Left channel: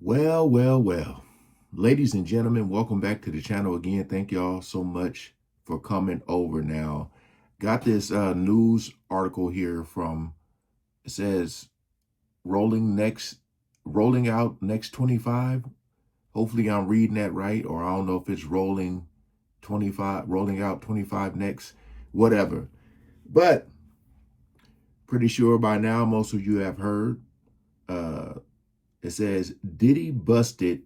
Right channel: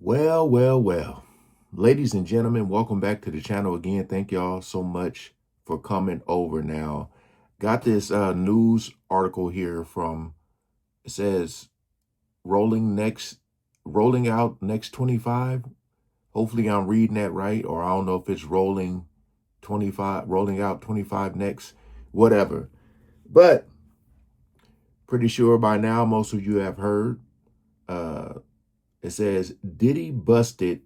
Well. Ladies and gentlemen, welcome back to the channel again. Thank y'all so much for coming over now. Got this news article here from, it says, rolling out next 25. Hopefully I'm reading that right, or I don't know if it's rolling out 25 next, whatever. But pretty sure by now most of you have heard. It says, Diddy busted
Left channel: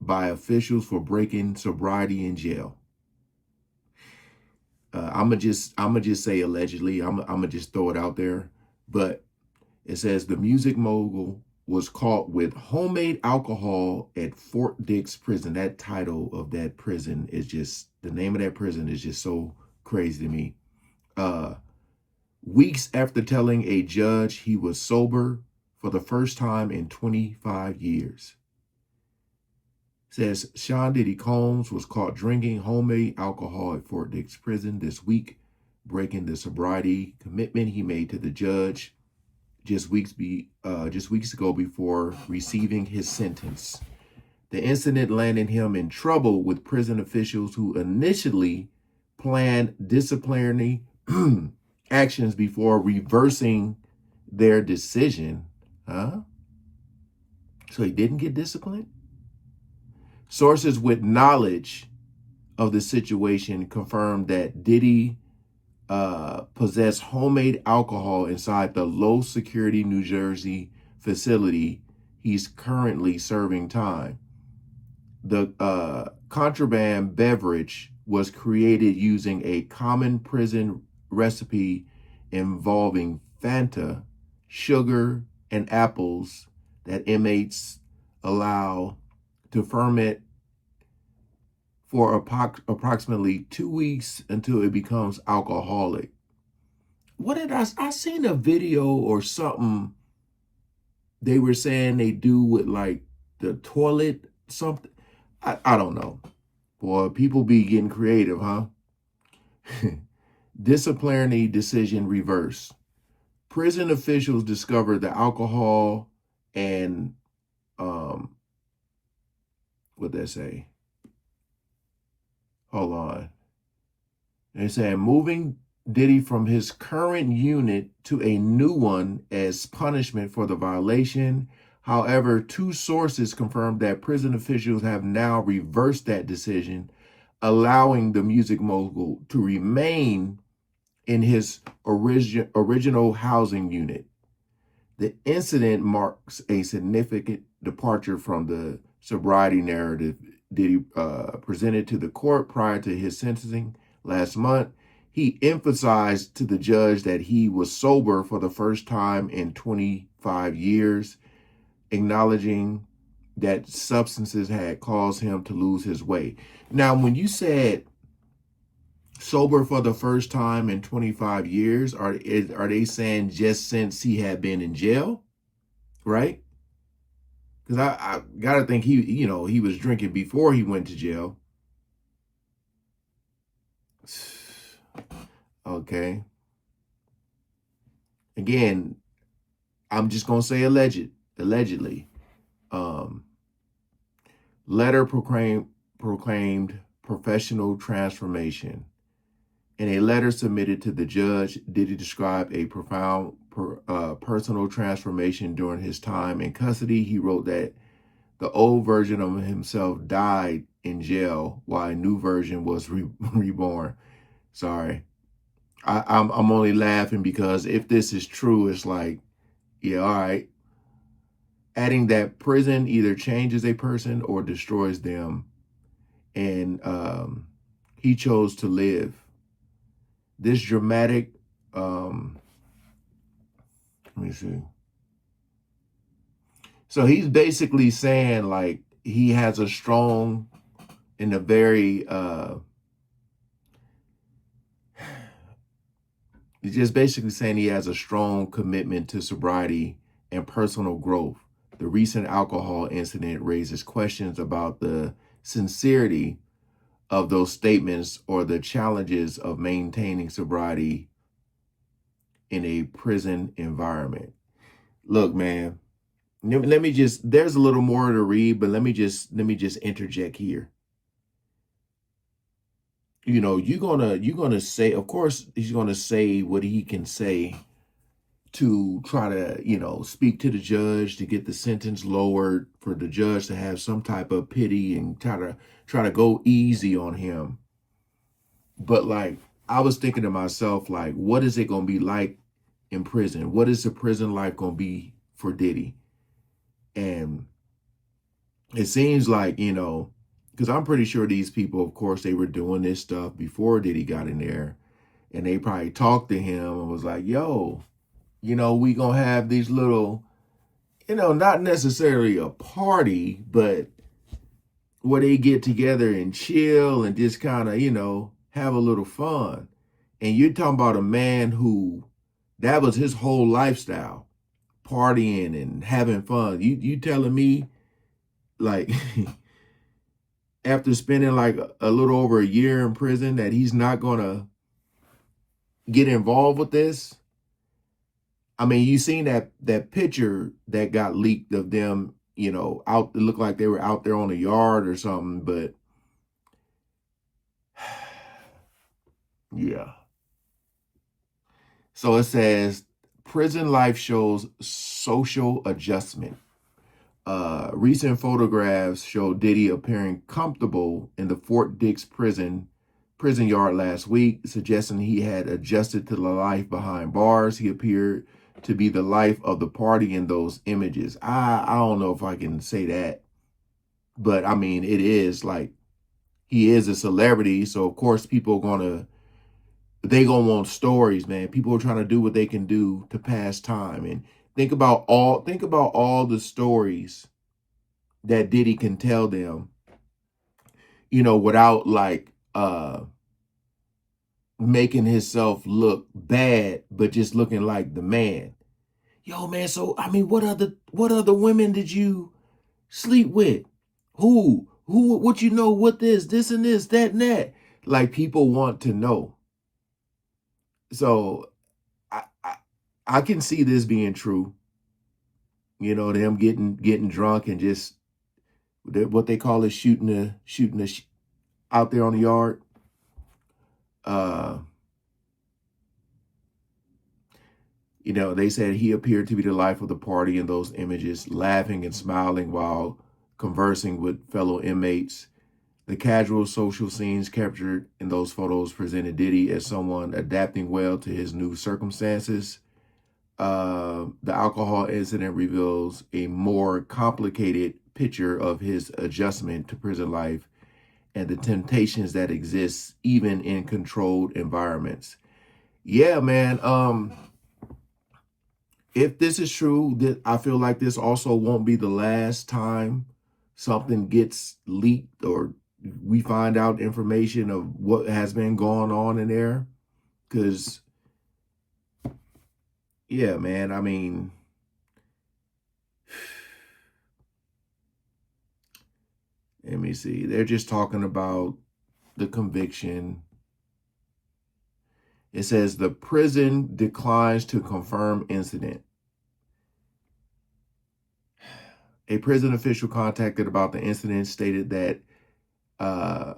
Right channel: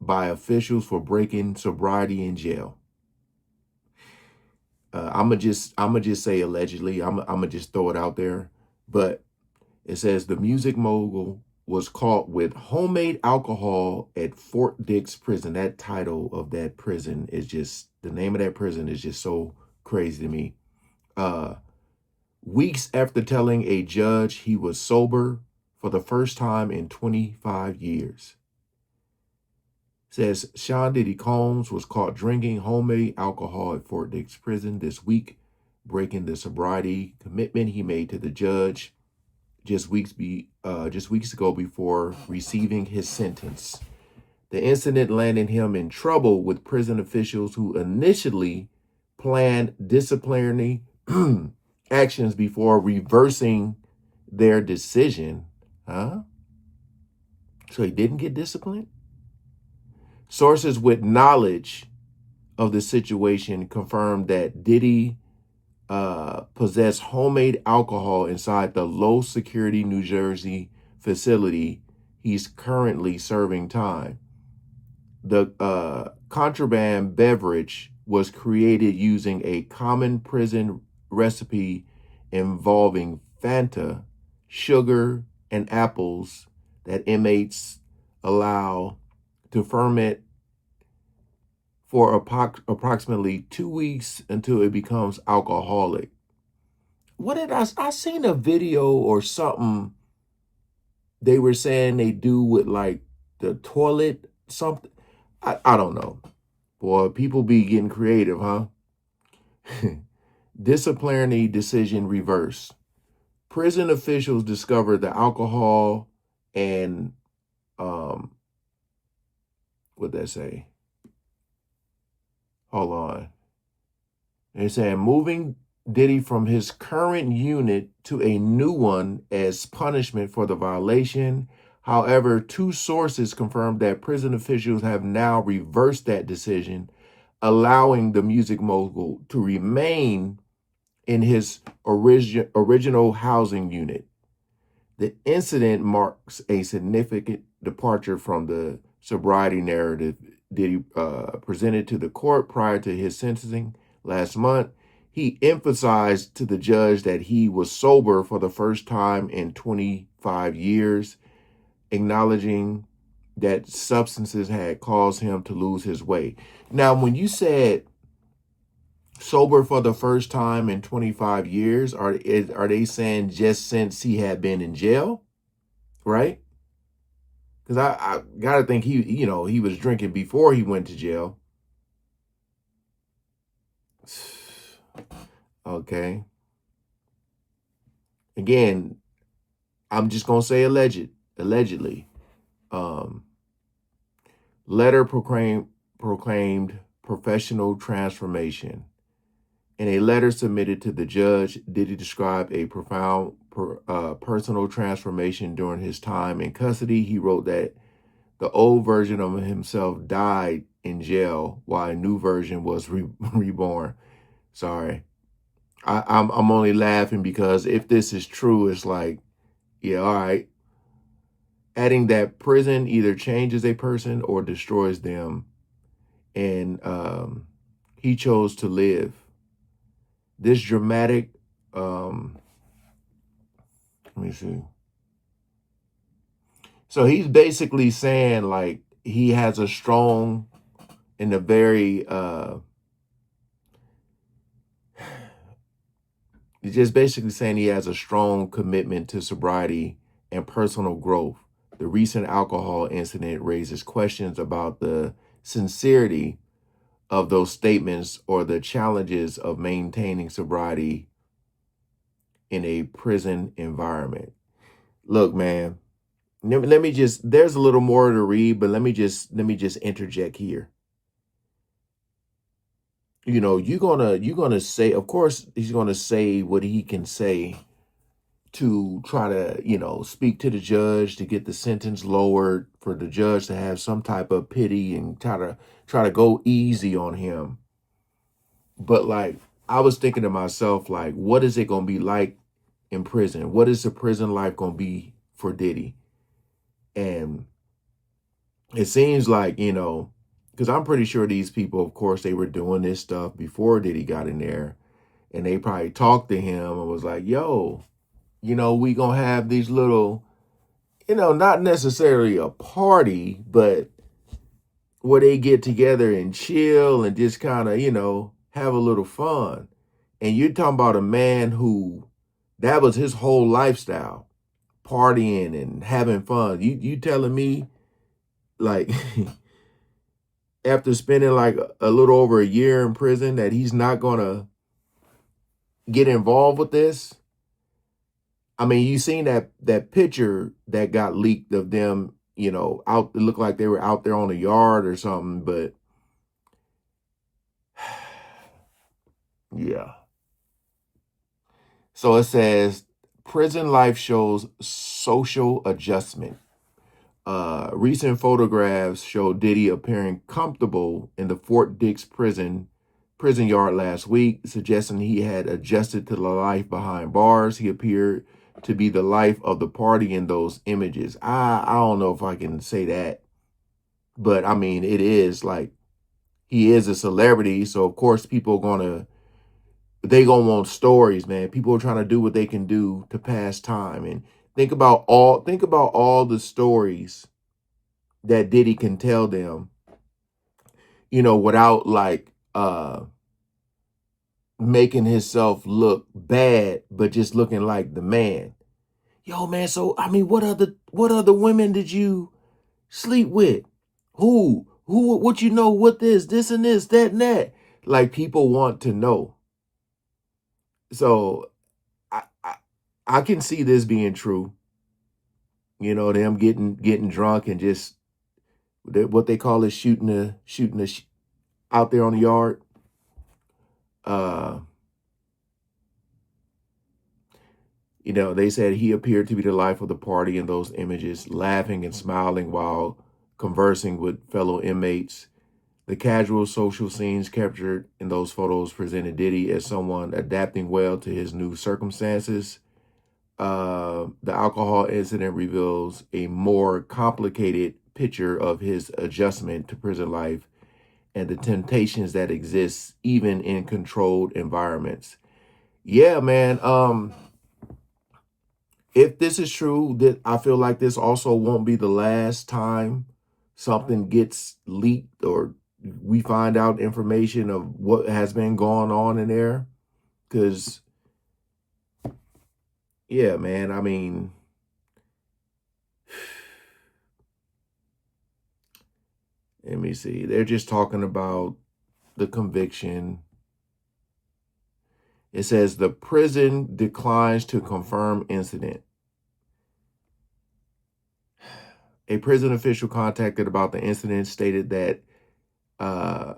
by officials for breaking sobriety in jail. I'ma just say allegedly. I'ma just throw it out there. But it says the music mogul was caught with homemade alcohol at Fort Dix prison. That title of that prison is just, the name of that prison is just so crazy to me. Weeks after telling a judge he was sober for the first time in 25 years. Says Sean Diddy Combs was caught drinking homemade alcohol at Fort Dix prison this week, breaking the sobriety commitment he made to the judge just weeks ago before receiving his sentence. The incident landed him in trouble with prison officials who initially planned disciplinary actions before reversing their decision. So he didn't get disciplined? Sources with knowledge of the situation confirmed that Diddy possessed homemade alcohol inside the low-security New Jersey facility he's currently serving time. The contraband beverage was created using a common prison recipe involving Fanta, sugar, and apples that inmates allow to ferment for approximately 2 weeks until it becomes alcoholic. What did I seen a video or something they were saying they do with like the toilet, something. I don't know. Boy, people be getting creative, huh? Disciplinary decision reversed. Prison officials discovered the alcohol and what'd that say? Hold on. They're saying moving Diddy from his current unit to a new one as punishment for the violation. However, two sources confirmed that prison officials have now reversed that decision, allowing the music mogul to remain in his original housing unit. The incident marks a significant departure from the sobriety narrative Diddy presented to the court prior to his sentencing last month. He emphasized to the judge that he was sober for the first time in 25 years, acknowledging that substances had caused him to lose his way. Now, when you said sober for the first time in 25 years, are they saying just since he had been in jail, right? Because I gotta think he was drinking before he went to jail. Okay. Again, I'm just gonna say allegedly. Letter proclaimed professional transformation. In a letter submitted to the judge, Diddy described a profound personal transformation during his time in custody. He wrote that the old version of himself died in jail while a new version was reborn. Sorry. I'm only laughing because if this is true, it's like, yeah, all right. Adding that prison either changes a person or destroys them. And he chose to live. This dramatic, let me see. So he's basically saying like he has a strong and a very, he's just basically saying he has a strong commitment to sobriety and personal growth. The recent alcohol incident raises questions about the sincerity of those statements or the challenges of maintaining sobriety in a prison environment. Look, man, let me just, there's a little more to read, but let me just interject here. You know, you're gonna say, of course, he's gonna say what he can say to try to, you know, speak to the judge to get the sentence lowered, for the judge to have some type of pity and try to go easy on him. But like, I was thinking to myself, like, what is it gonna be like in prison? What is the prison life gonna be for Diddy? And it seems like, you know, because I'm pretty sure these people, of course, they were doing this stuff before Diddy got in there, and they probably talked to him and was like, yo, you know, we gonna have these little, you know, not necessarily a party, but where they get together and chill and just kind of, you know, have a little fun. And you're talking about a man who, that was his whole lifestyle, partying and having fun. You telling me, like, after spending like a little over a year in prison, that he's not gonna get involved with this? I mean, you seen that picture that got leaked of them, you know, out, it looked like they were out there on the yard or something, but yeah. So it says prison life shows social adjustment. Recent photographs show Diddy appearing comfortable in the Fort Dix prison yard last week, suggesting he had adjusted to the life behind bars. He appeared to be the life of the party in those images. I don't know if I can say that, but I mean, it is like, he is a celebrity, so of course people are gonna want stories, man. People are trying to do what they can do to pass time. And think about all the stories that Diddy can tell them, you know, without like making himself look bad, but just looking like the man. Yo, man, so I mean, what other women did you sleep with? Who what, you know, what this and this, that and that. Like, people want to know. So I can see this being true. You know, them getting drunk and just what they call it, shooting out there on the yard. Uh, you know, they said he appeared to be the life of the party in those images, laughing and smiling while conversing with fellow inmates. The casual social scenes captured in those photos presented Diddy as someone adapting well to his new circumstances. The alcohol incident reveals a more complicated picture of his adjustment to prison life and the temptations that exist even in controlled environments. Yeah, man. If this is true, that I feel like this also won't be the last time something gets leaked or we find out information of what has been going on in there. Because, yeah, man, I mean, let me see. They're just talking about the conviction. It says the prison declines to confirm incident. A prison official contacted about the incident stated that uh,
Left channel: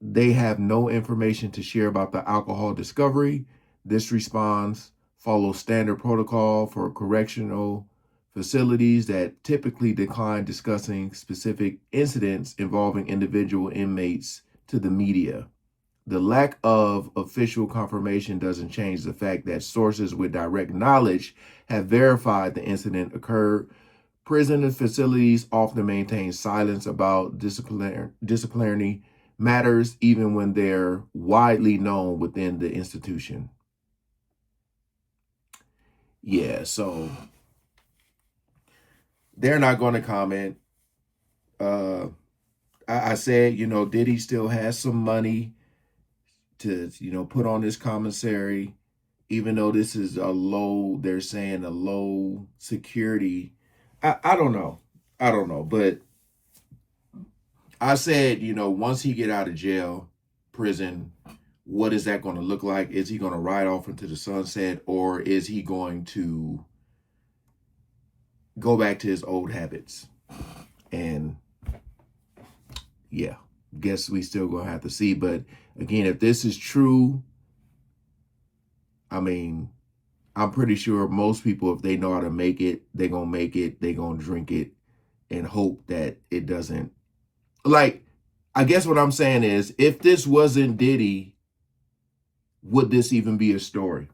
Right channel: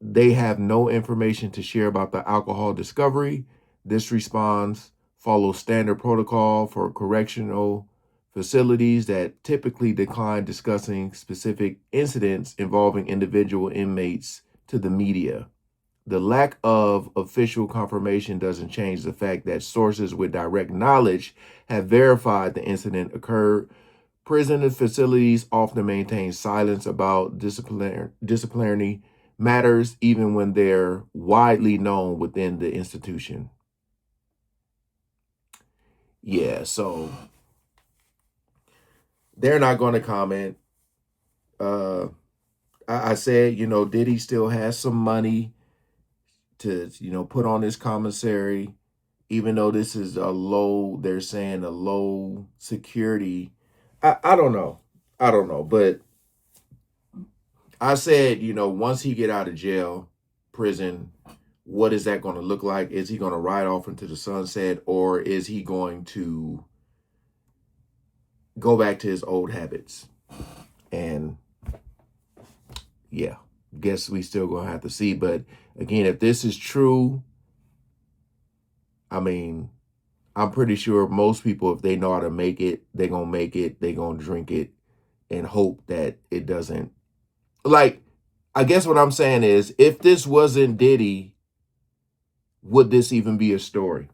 they have no information to share about the alcohol discovery. This response follows standard protocol for correctional facilities that typically decline discussing specific incidents involving individual inmates to the media. The lack of official confirmation doesn't change the fact that sources with direct knowledge have verified the incident occurred. Prison facilities often maintain silence about disciplinary matters, even when they're widely known within the institution. Yeah, so they're not going to comment. Uh, I said, you know, Diddy still has some money to, you know, put on this commissary, even though this is a low, they're saying a low security. I don't know. I don't know. But I said, you know, once he get out of jail, prison, what is that going to look like? Is he going to ride off into the sunset, or is he going to go back to his old habits. And yeah, guess we still gonna have to see. But again, if this is true, I mean, I'm pretty sure most people, if they know how to make it, they're gonna make it, they're gonna drink it and hope that it doesn't. Like, I guess what I'm saying is, if this wasn't Diddy, would this even be a story?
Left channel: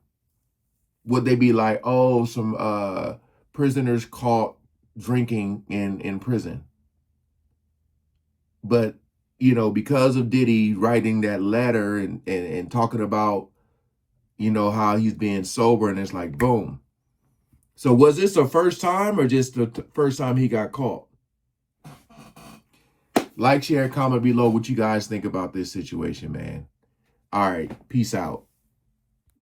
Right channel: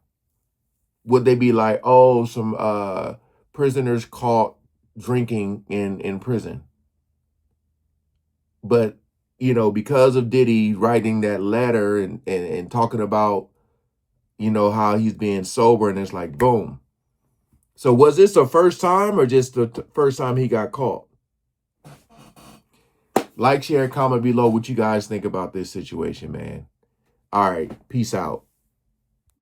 Would they be like, oh, some prisoners caught drinking in prison? But, you know, because of Diddy writing that letter and talking about, you know, how he's being sober, and it's like, boom. So was this the first time or just the first time he got caught? Like, share, and comment below what you guys think about this situation, man. All right, peace out.